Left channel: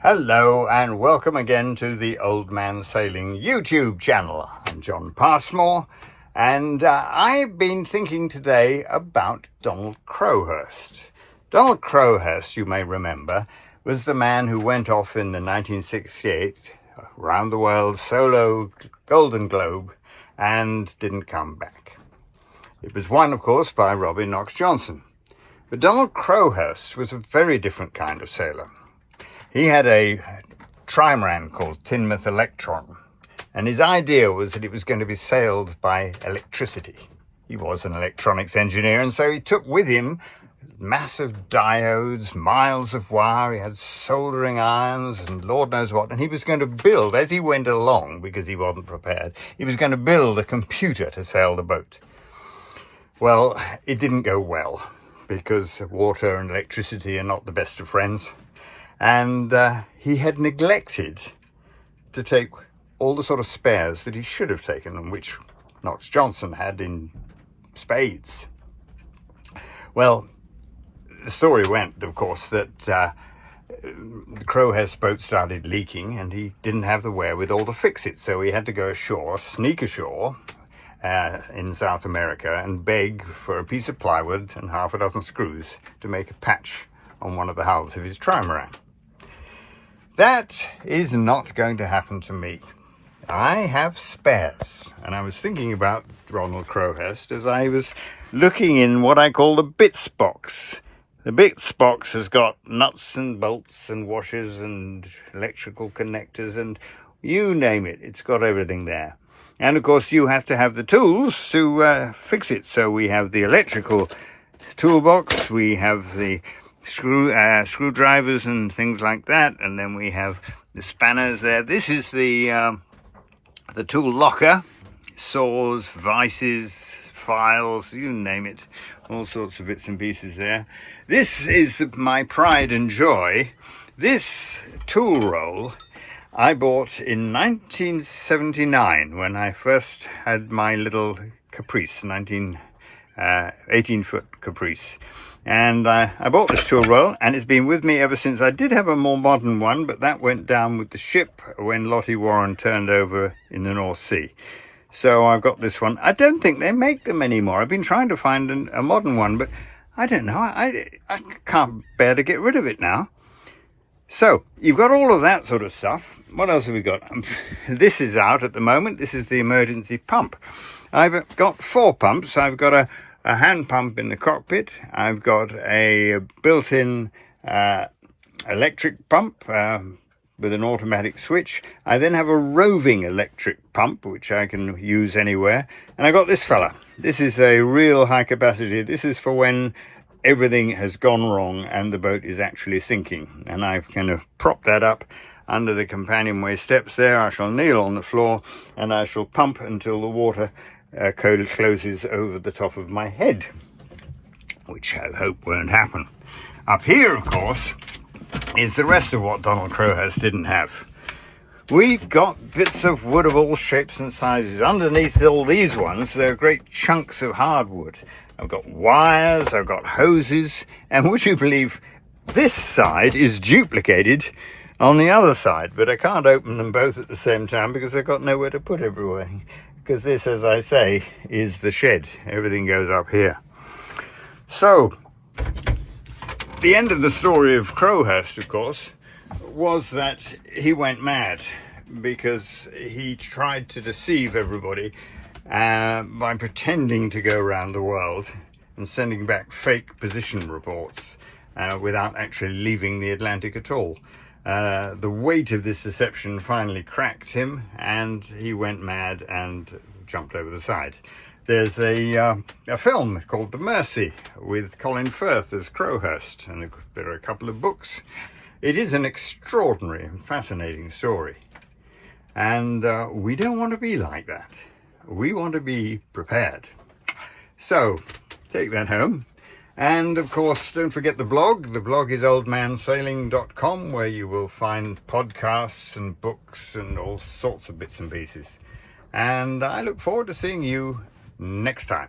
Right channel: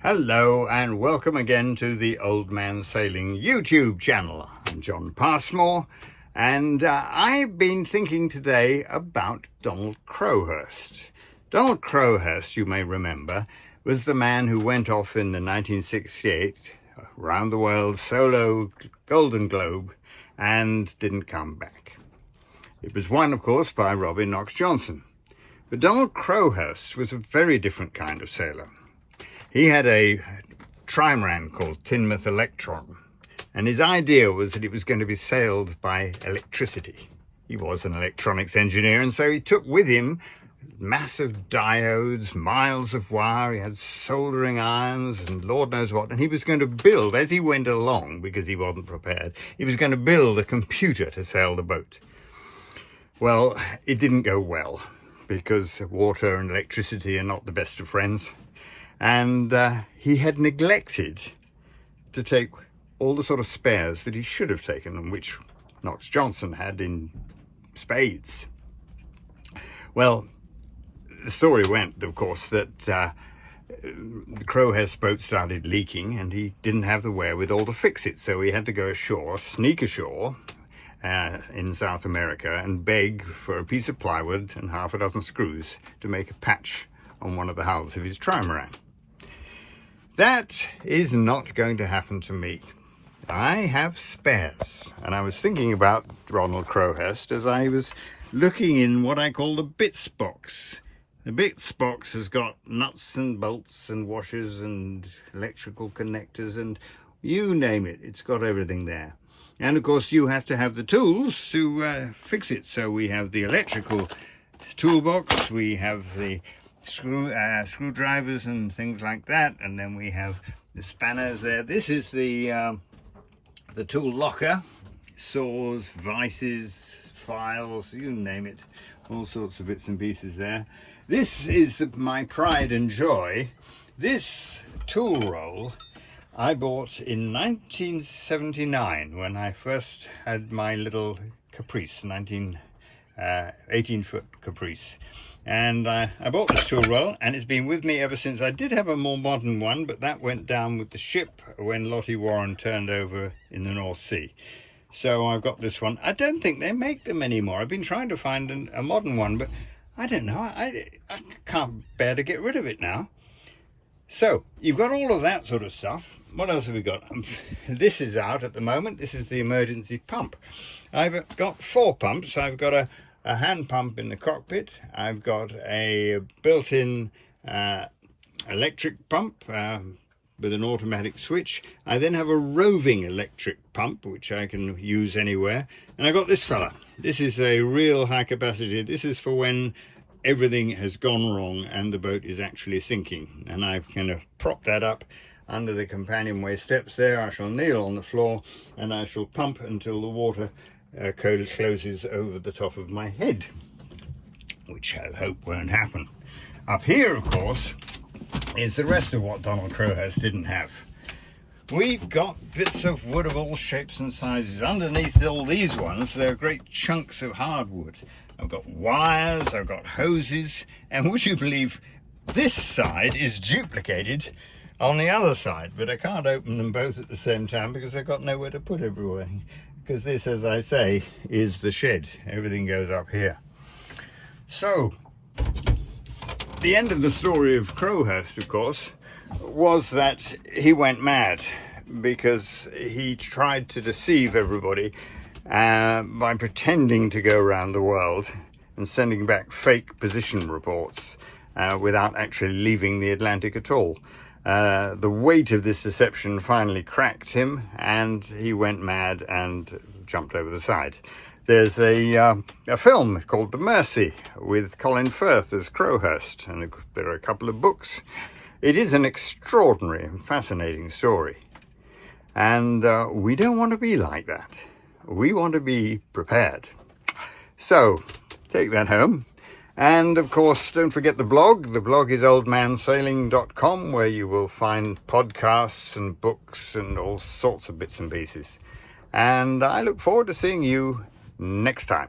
Hello and welcome again to the Old Man Sailing YouTube channel. I'm John Passmore and I've been thinking today about Donald Crowhurst. Donald Crowhurst, you may remember, was the man who went off in the 1968 round the world solo Golden Globe and didn't come back. It was won, of course, by Robin Knox Johnson. But Donald Crowhurst was a very different kind of sailor. He had a trimaran called Teignmouth Electron, and his idea was that it was going to be sailed by electricity. He was an electronics engineer, and so he took with him massive diodes, miles of wire, he had soldering irons and Lord knows what, and he was going to build, as he went along, because he wasn't prepared, he was going to build a computer to sail the boat. Well, it didn't go well, because water and electricity are not the best of friends. And he had neglected to take all the sort of spares that he should have taken, and which Knox Johnson had in spades. Well, the story went, of course, that the Crowhurst boat started leaking and he didn't have the wherewithal to fix it. So he had to go ashore, sneak ashore in South America and beg for a piece of plywood and half a dozen screws to make a patch on one of the hulls of his trimaran. That is not going to happen to me. I have spares, and I was thinking about Donald Crowhurst as I was looking in what I call the bits box. The bits box has got nuts and bolts and washers and electrical connectors and you name it, it's got everything there. And of course you have to have the tools to fix it. So we have the electrical toolbox, we have the screwdrivers and things like that, and then we have the spanners there. This is the tool locker, saws, vices, files, you name it, all sorts of bits and pieces there. This is my pride and joy. This tool roll I bought in 1979 when I first had my little Caprice, 18-foot Caprice. And I bought this tool roll, and it's been with me ever since. I did have a more modern one, but that went down with the ship when Lottie Warren turned over in the North Sea. So I've got this one. I don't think they make them anymore. I've been trying to find a modern one, but I don't know. I can't bear to get rid of it now. So you've got all of that sort of stuff. What else have we got? This is out at the moment. This is the emergency pump. I've got 4 pumps. I've got a hand pump in the cockpit. I've got a built-in electric pump with an automatic switch. I then have a roving electric pump, which I can use anywhere. And I got this fella. This is a real high capacity. This is for when everything has gone wrong and the boat is actually sinking. And I've kind of propped that up under the companionway steps there. I shall kneel on the floor and I shall pump until the water closes over the top of my head, which I hope won't happen. Up here, of course, is the rest of what Donald Crowhurst didn't have. We've got bits of wood of all shapes and sizes. Underneath all these ones, there are great chunks of hardwood. I've got wires, I've got hoses, and would you believe this side is duplicated on the other side, but I can't open them both at the same time because I've got nowhere to put everything. Because this, as I say, is the shed. Everything goes up here. So, the end of the story of Crowhurst, of course, was that he went mad because he tried to deceive everybody by pretending to go around the world and sending back fake position reports without actually leaving the Atlantic at all. The weight of this deception finally cracked him and he went mad and jumped over the side. There's a film called The Mercy with Colin Firth as Crowhurst, and there are a couple of books. It is an extraordinary and fascinating story. And we don't want to be like that. We want to be prepared. So take that home. And of course, don't forget the blog. The blog is oldmansailing.com, where you will find podcasts and books and all sorts of bits and pieces. And I look forward to seeing you next time.